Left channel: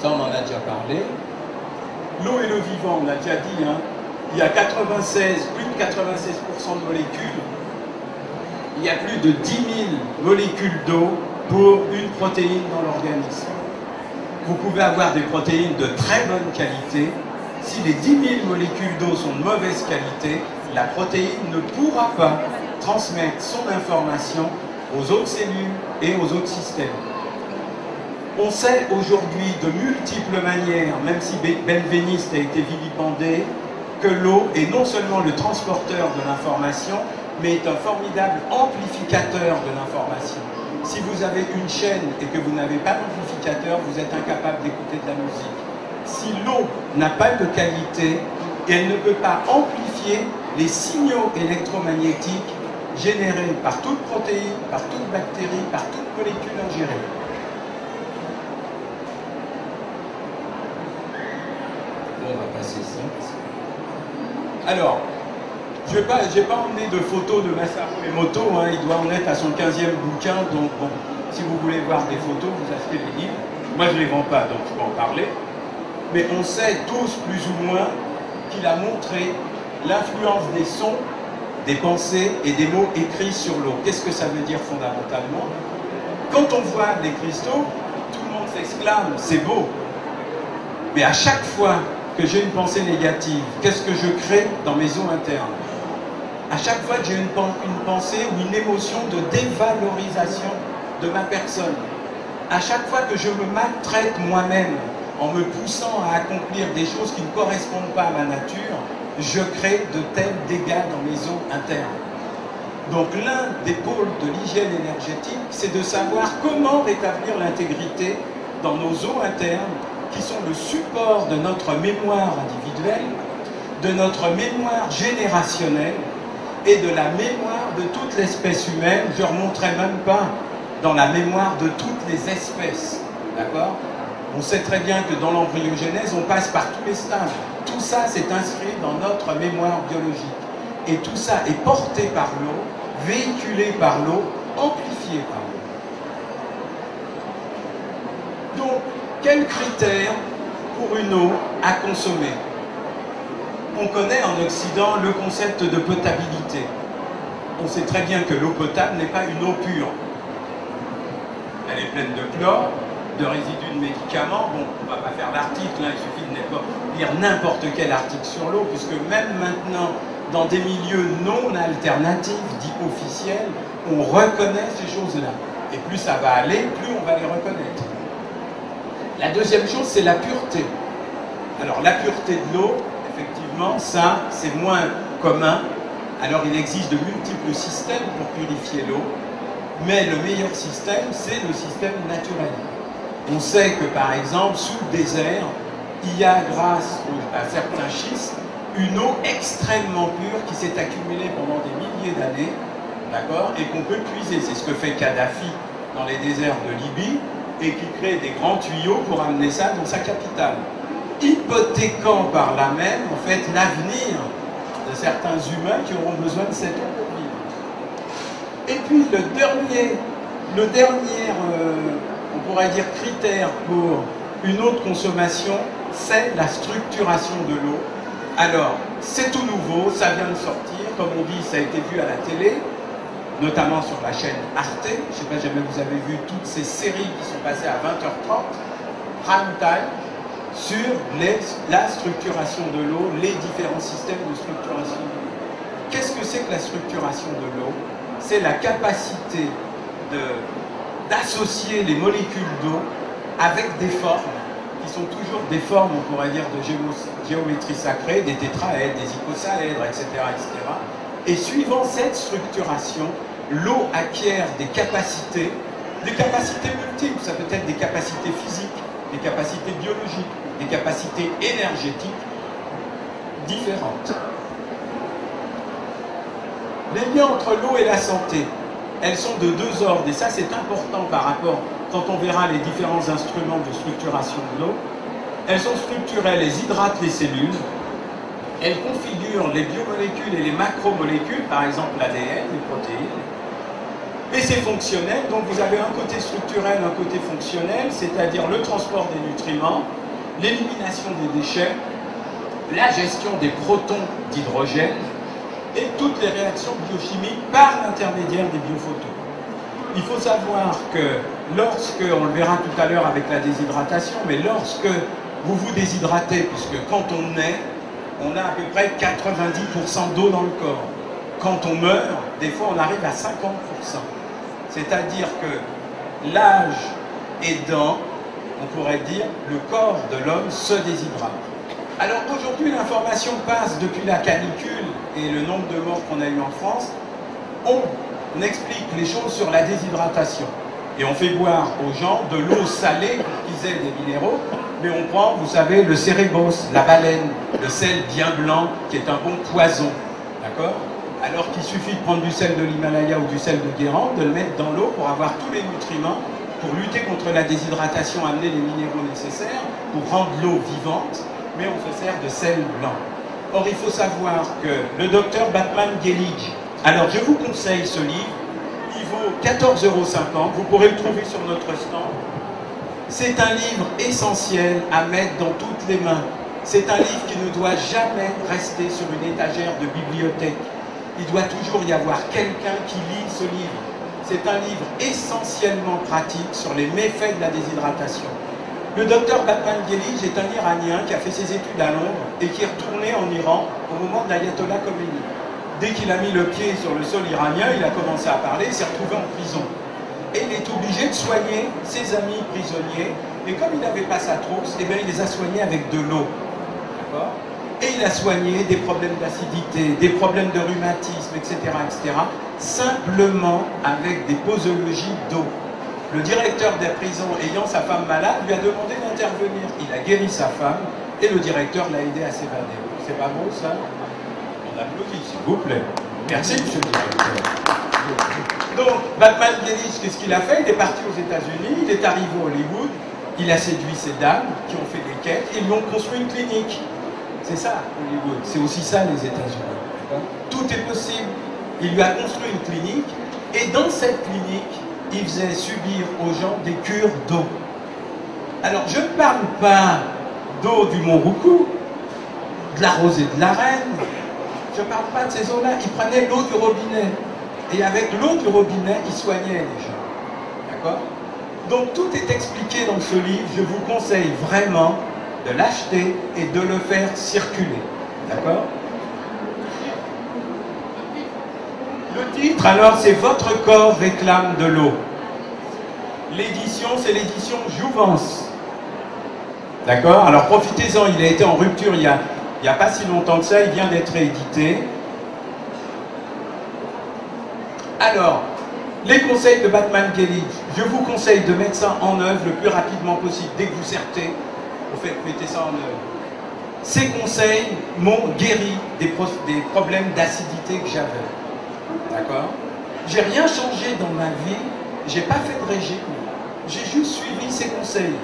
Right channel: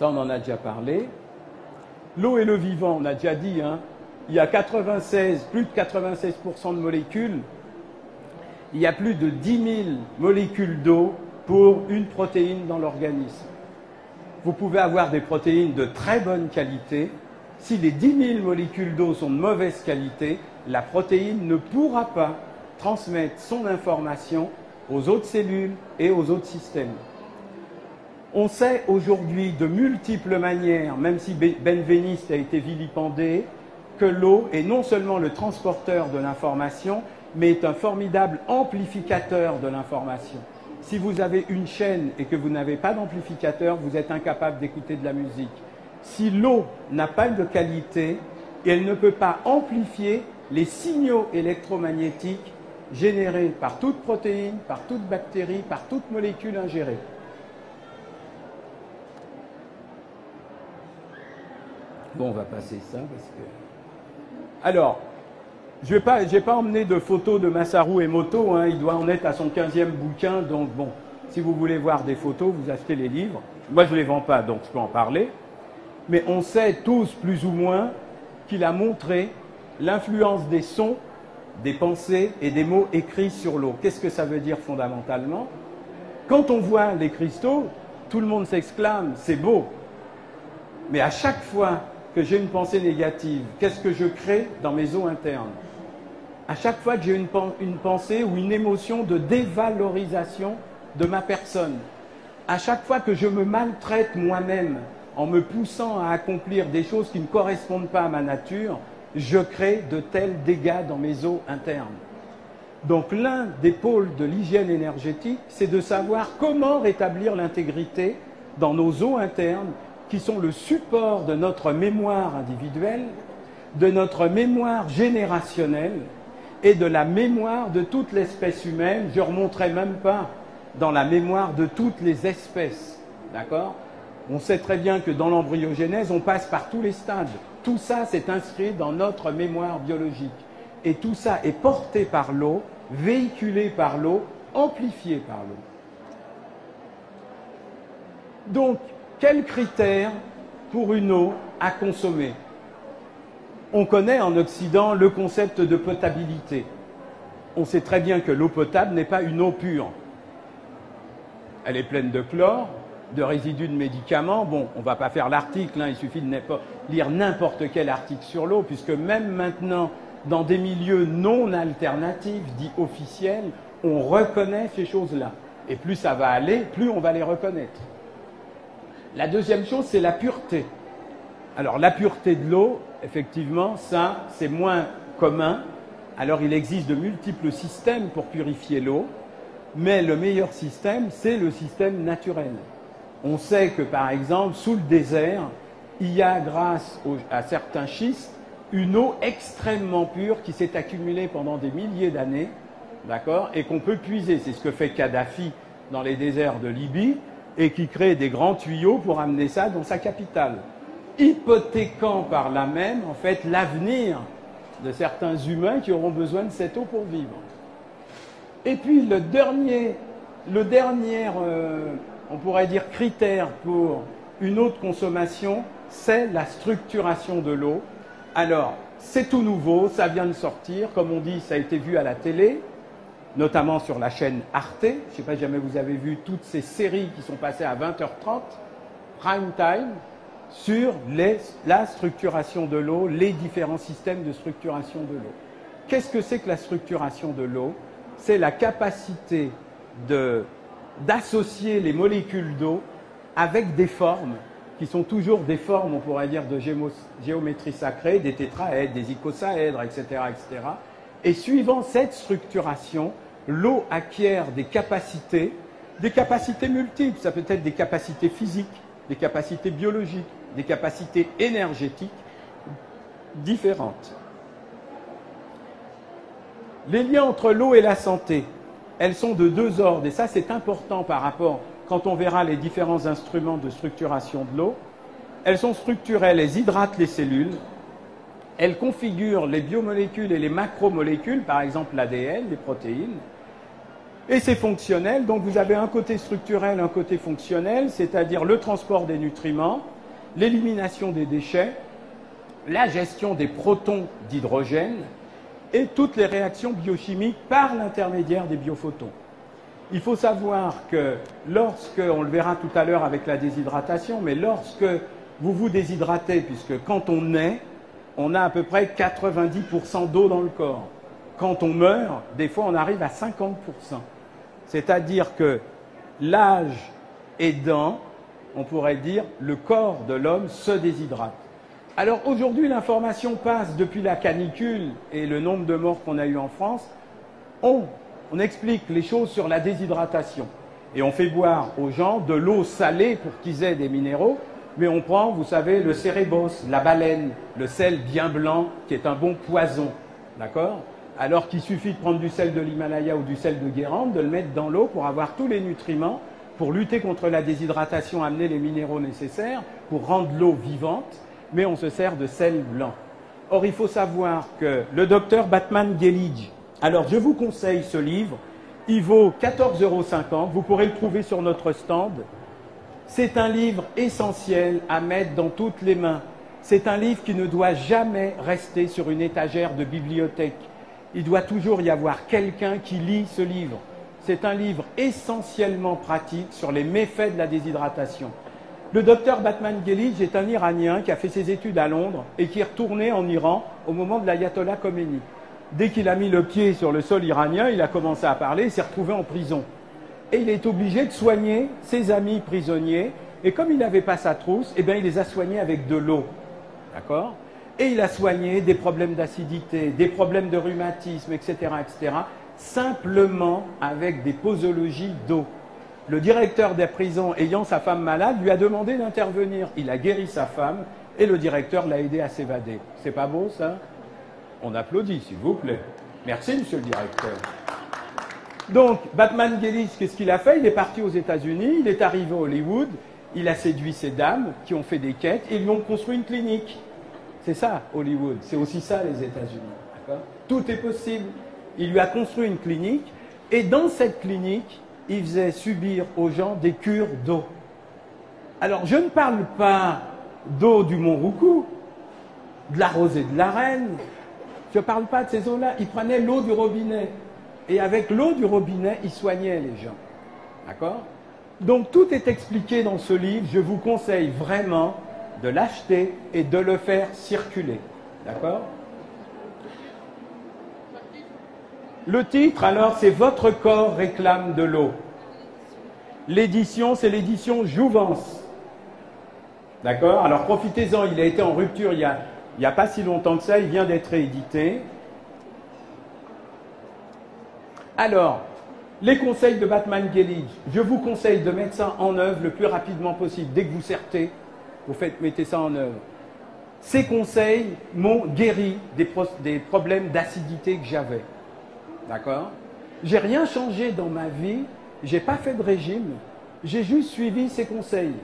Ça, on en a déjà parlé. L'eau et le vivant, on l'a déjà dit, hein. Il y a 96, plus de 96% de molécules. Il y a plus de 10 000 molécules d'eau pour une protéine dans l'organisme. Vous pouvez avoir des protéines de très bonne qualité. Si les 10 000 molécules d'eau sont de mauvaise qualité, la protéine ne pourra pas transmettre son information aux autres cellules et aux autres systèmes. On sait aujourd'hui de multiples manières, même si Benveniste a été vilipendé, que l'eau est non seulement le transporteur de l'information, mais est un formidable amplificateur de l'information. Si vous avez une chaîne et que vous n'avez pas d'amplificateur, vous êtes incapable d'écouter de la musique. Si l'eau n'a pas de qualité, elle ne peut pas amplifier les signaux électromagnétiques générés par toute protéine, par toute bactérie, par toute molécule ingérée. Bon, on va passer ça. Alors, je n'ai pas emmené de photos de Masaru Emoto, hein, il doit en être à son 15e bouquin, donc bon, si vous voulez voir des photos, vous achetez les livres. Moi, je ne les vends pas, donc je peux en parler. Mais on sait tous, plus ou moins, qu'il a montré l'influence des sons, des pensées et des mots écrits sur l'eau. Qu'est-ce que ça veut dire fondamentalement? Quand on voit les cristaux, tout le monde s'exclame, c'est beau. Mais à chaque fois que j'ai une pensée négative, qu'est-ce que je crée dans mes eaux internes? À chaque fois que j'ai une pensée ou une émotion de dévalorisation de ma personne, à chaque fois que je me maltraite moi-même en me poussant à accomplir des choses qui ne correspondent pas à ma nature, je crée de tels dégâts dans mes eaux internes. Donc l'un des pôles de l'hygiène énergétique, c'est de savoir comment rétablir l'intégrité dans nos eaux internes, qui sont le support de notre mémoire individuelle, de notre mémoire générationnelle et de la mémoire de toute l'espèce humaine. Je ne remonterai même pas dans la mémoire de toutes les espèces. D'accord? On sait très bien que dans l'embryogenèse, on passe par tous les stades. Tout ça, c'est inscrit dans notre mémoire biologique. Et tout ça est porté par l'eau, véhiculé par l'eau, amplifié par l'eau. Donc, quels critères pour une eau à consommer? On connaît en Occident le concept de potabilité. On sait très bien que l'eau potable n'est pas une eau pure. Elle est pleine de chlore, de résidus de médicaments. Bon, on ne va pas faire l'article, hein, il suffit de lire n'importe quel article sur l'eau, puisque même maintenant, dans des milieux non alternatifs, dits officiels, on reconnaît ces choses-là. Et plus ça va aller, plus on va les reconnaître. La deuxième chose, c'est la pureté. Alors, la pureté de l'eau, effectivement, ça, c'est moins commun. Alors, il existe de multiples systèmes pour purifier l'eau, mais le meilleur système, c'est le système naturel. On sait que, par exemple, sous le désert, il y a, grâce à certains schistes, une eau extrêmement pure qui s'est accumulée pendant des milliers d'années, d'accord, et qu'on peut puiser. C'est ce que fait Kadhafi dans les déserts de Libye, et qui crée des grands tuyaux pour amener ça dans sa capitale, hypothéquant par là même, en fait, l'avenir de certains humains qui auront besoin de cette eau pour vivre. Et puis, le dernier on pourrait dire, critère pour une eau de consommation, c'est la structuration de l'eau. Alors, c'est tout nouveau, ça vient de sortir, comme on dit, ça a été vu à la télé, notamment sur la chaîne Arte. Je ne sais pas si jamais vous avez vu toutes ces séries qui sont passées à 20h30, prime time, sur la structuration de l'eau, les différents systèmes de structuration de l'eau. Qu'est-ce que c'est que la structuration de l'eau? C'est la capacité d'associer les molécules d'eau avec des formes qui sont toujours des formes, on pourrait dire, de géométrie sacrée, des tétraèdres, des icosaèdres, etc., etc. Et suivant cette structuration, l'eau acquiert des capacités multiples. Ça peut être des capacités physiques, des capacités biologiques, des capacités énergétiques différentes. Les liens entre l'eau et la santé, elles sont de deux ordres, et ça c'est important par rapport, quand on verra les différents instruments de structuration de l'eau. Elles sont structurelles, elles hydratent les cellules, elles configurent les biomolécules et les macromolécules, par exemple l'ADN, les protéines, Et c'est fonctionnel, donc vous avez un côté structurel, un côté fonctionnel, c'est-à-dire le transport des nutriments, l'élimination des déchets, la gestion des protons d'hydrogène et toutes les réactions biochimiques par l'intermédiaire des biophotons. Il faut savoir que lorsque, on le verra tout à l'heure avec la déshydratation, mais lorsque vous vous déshydratez, puisque quand on naît, on a à peu près 90% d'eau dans le corps. Quand on meurt, des fois on arrive à 50%. C'est-à-dire que l'âge aidant, on pourrait dire, le corps de l'homme se déshydrate. Alors aujourd'hui, l'information passe depuis la canicule et le nombre de morts qu'on a eu en France. On explique les choses sur la déshydratation. Et on fait boire aux gens de l'eau salée pour qu'ils aient des minéraux. Mais on prend, vous savez, le cérébos, la baleine, le sel bien blanc, qui est un bon poison. D'accord? Alors qu'il suffit de prendre du sel de l'Himalaya ou du sel de Guérande, de le mettre dans l'eau pour avoir tous les nutriments, pour lutter contre la déshydratation, amener les minéraux nécessaires, pour rendre l'eau vivante, mais on se sert de sel blanc. Or, il faut savoir que le docteur Batman Gelig, alors je vous conseille ce livre, il vaut 14,50 €, vous pourrez le trouver sur notre stand. C'est un livre essentiel à mettre dans toutes les mains. C'est un livre qui ne doit jamais rester sur une étagère de bibliothèque. Il doit toujours y avoir quelqu'un qui lit ce livre. C'est un livre essentiellement pratique sur les méfaits de la déshydratation. Le docteur Batman Gelig est un Iranien qui a fait ses études à Londres et qui est retourné en Iran au moment de l'ayatollah Khomeini. Dès qu'il a mis le pied sur le sol iranien, il a commencé à parler, il s'est retrouvé en prison. Et il est obligé de soigner ses amis prisonniers. Et comme il n'avait pas sa trousse, eh bien, il les a soignés avec de l'eau. D'accord ? Et il a soigné des problèmes d'acidité, des problèmes de rhumatisme, etc., simplement avec des posologies d'eau. Le directeur de la prison, ayant sa femme malade, lui a demandé d'intervenir. Il a guéri sa femme et le directeur l'a aidé à s'évader. C'est pas beau, ça? On applaudit, s'il vous plaît. Merci, monsieur le directeur. Donc, Batman Gelig, qu'est-ce qu'il a fait? Il est parti aux États-Unis, il est arrivé à Hollywood, il a séduit ces dames qui ont fait des quêtes, et ils lui ont construit une clinique. C'est ça, Hollywood. C'est aussi ça, les États-Unis. Tout est possible. Il lui a construit une clinique, et dans cette clinique, il faisait subir aux gens des cures d'eau. Alors, je ne parle pas d'eau du Mont Roucou, de la Rosée de la Reine, je ne parle pas de ces eaux-là. Il prenait l'eau du robinet. Et avec l'eau du robinet, il soignait les gens. D'accord? Donc, tout est expliqué dans ce livre. Je vous conseille vraiment de l'acheter et de le faire circuler. D'accord? Le titre, alors, c'est « Votre corps réclame de l'eau ». L'édition, c'est l'édition Jouvence. D'accord? Alors, profitez-en, il a été en rupture il n'y a pas si longtemps que ça, il vient d'être réédité. Alors, les conseils de Batman Gelig, je vous conseille de mettre ça en œuvre le plus rapidement possible. Dès que vous sortez, vous faites mettez ça en œuvre. Ces conseils m'ont guéri des problèmes d'acidité que j'avais. D'accord? J'ai rien changé dans ma vie, j'ai pas fait de régime, j'ai juste suivi ces conseils.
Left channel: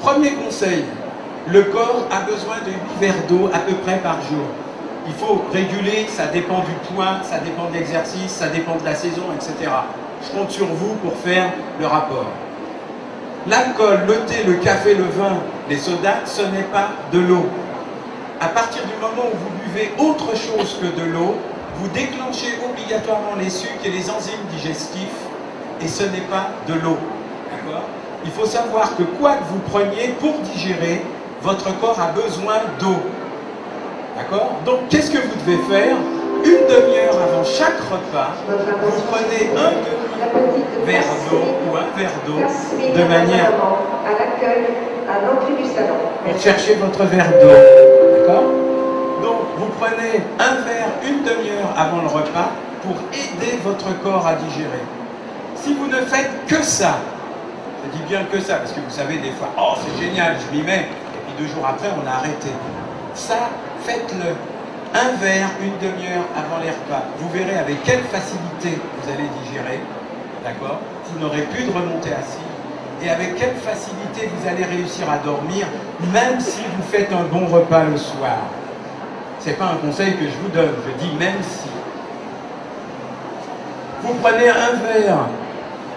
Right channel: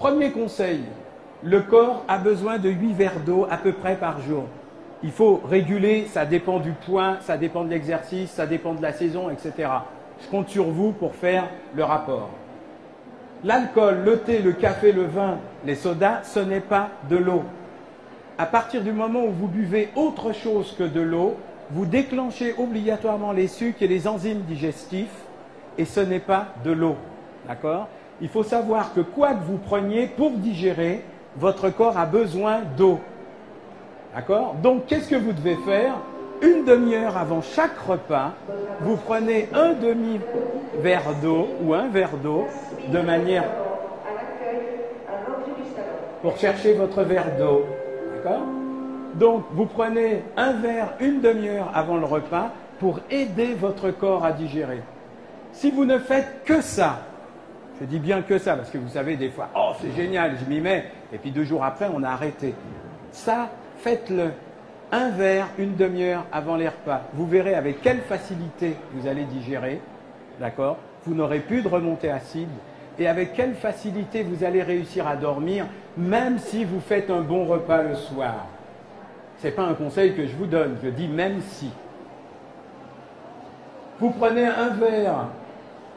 Premier conseil, le corps a besoin de 8 verres d'eau à peu près par jour. Il faut réguler, ça dépend du poids, ça dépend de l'exercice, ça dépend de la saison, etc. Je compte sur vous pour faire le rapport. L'alcool, le thé, le café, le vin, les sodas, ce n'est pas de l'eau. À partir du moment où vous buvez autre chose que de l'eau, vous déclenchez obligatoirement les sucres et les enzymes digestifs, et ce n'est pas de l'eau. D'accord? Il faut savoir que quoi que vous preniez pour digérer, votre corps a besoin d'eau. D'accord? Donc, qu'est-ce que vous devez faire? Une demi-heure avant chaque repas, vous prenez un demi-verre d'eau ou un verre d'eau de manière à l'accueil, à l'entrée du salon. Pour chercher votre verre d'eau. D'accord? Donc, vous prenez un verre une demi-heure avant le repas pour aider votre corps à digérer. Si vous ne faites que ça, je dis bien que ça, parce que vous savez des fois, oh c'est génial, je m'y mets, et puis 2 jours après on a arrêté. Ça, faites-le. Un verre, une demi-heure avant les repas. Vous verrez avec quelle facilité vous allez digérer. D'accord? Vous n'aurez plus de remontée acide. Et avec quelle facilité vous allez réussir à dormir, même si vous faites un bon repas le soir. Ce n'est pas un conseil que je vous donne, je dis même si. Vous prenez un verre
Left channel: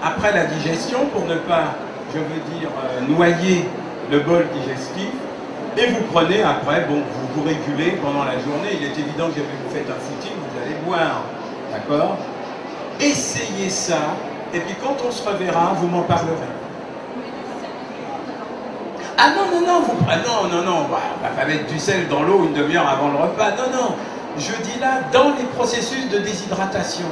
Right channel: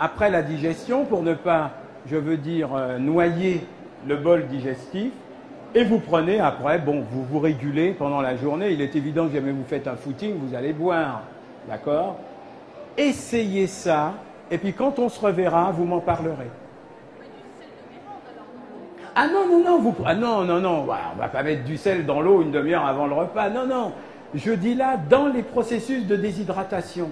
après la digestion pour ne pas, je veux dire, noyer le bol digestif. Et vous prenez après, bon, vous régulez pendant la journée. Il est évident que si vous faites un footing, vous allez boire. D'accord? Essayez ça. Et puis quand on se reverra, vous m'en parlerez. Ah non, non, non, on va pas mettre du sel dans l'eau une demi-heure avant le repas. Non, non. Je dis là, dans les processus de déshydratation.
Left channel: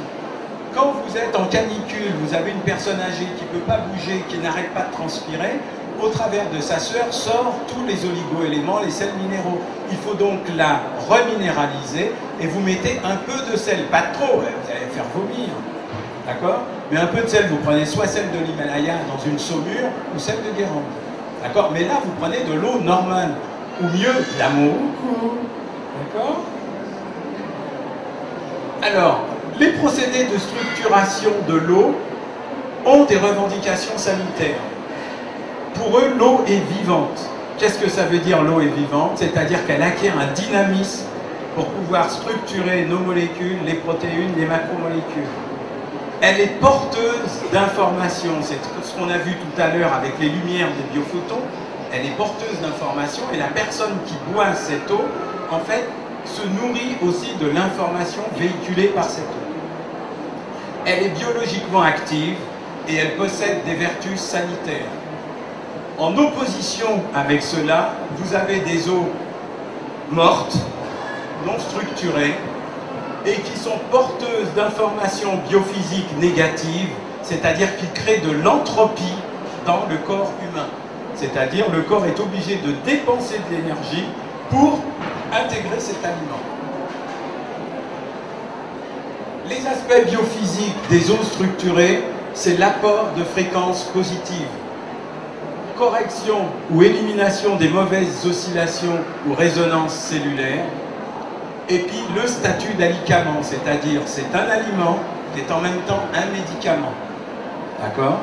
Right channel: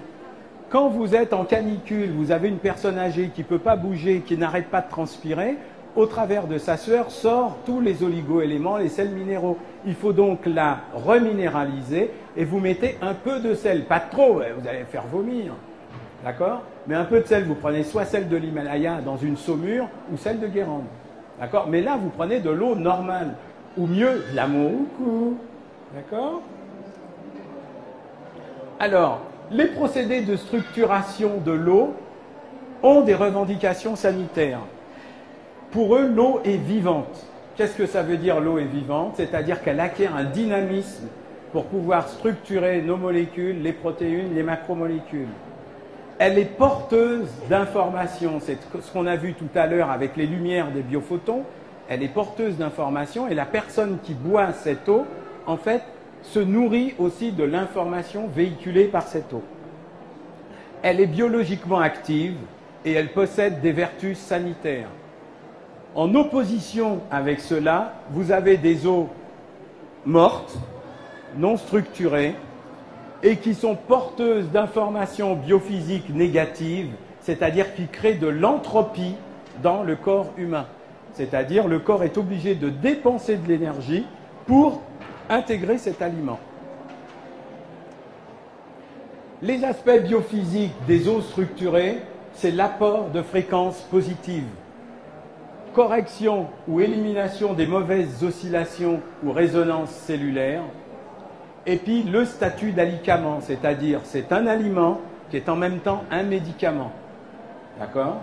Quand vous êtes en canicule, vous avez une personne âgée qui ne peut pas bouger, qui n'arrête pas de transpirer, au travers de sa sueur sort tous les oligo-éléments, les sels minéraux. Il faut donc la reminéraliser et vous mettez un peu de sel, pas trop, vous allez faire vomir, d'accord? Mais un peu de sel, vous prenez soit celle de l'Himalaya dans une saumure ou celle de Guérande, d'accord? Mais là, vous prenez de l'eau normale, ou mieux, d'amour, d'accord? Alors, les procédés de structuration de l'eau ont des revendications sanitaires. Pour eux, l'eau est vivante. Qu'est-ce que ça veut dire l'eau est vivante? C'est-à-dire qu'elle acquiert un dynamisme pour pouvoir structurer nos molécules, les protéines, les macromolécules. Elle est porteuse d'informations. C'est ce qu'on a vu tout à l'heure avec les lumières des biophotons. Elle est porteuse d'informations et la personne qui boit cette eau, en fait, se nourrit aussi de l'information véhiculée par cette eau. Elle est biologiquement active et elle possède des vertus sanitaires. En opposition avec cela, vous avez des eaux mortes, non structurées, et qui sont porteuses d'informations biophysiques négatives, c'est-à-dire qui créent de l'entropie dans le corps humain. C'est-à-dire le corps est obligé de dépenser de l'énergie pour intégrer cet aliment. Les aspects biophysiques des eaux structurées, c'est l'apport de fréquences positives. Correction ou élimination des mauvaises oscillations ou résonances cellulaires. Et puis le statut d'alicament, c'est-à-dire c'est un aliment qui est en même temps un médicament. D'accord ?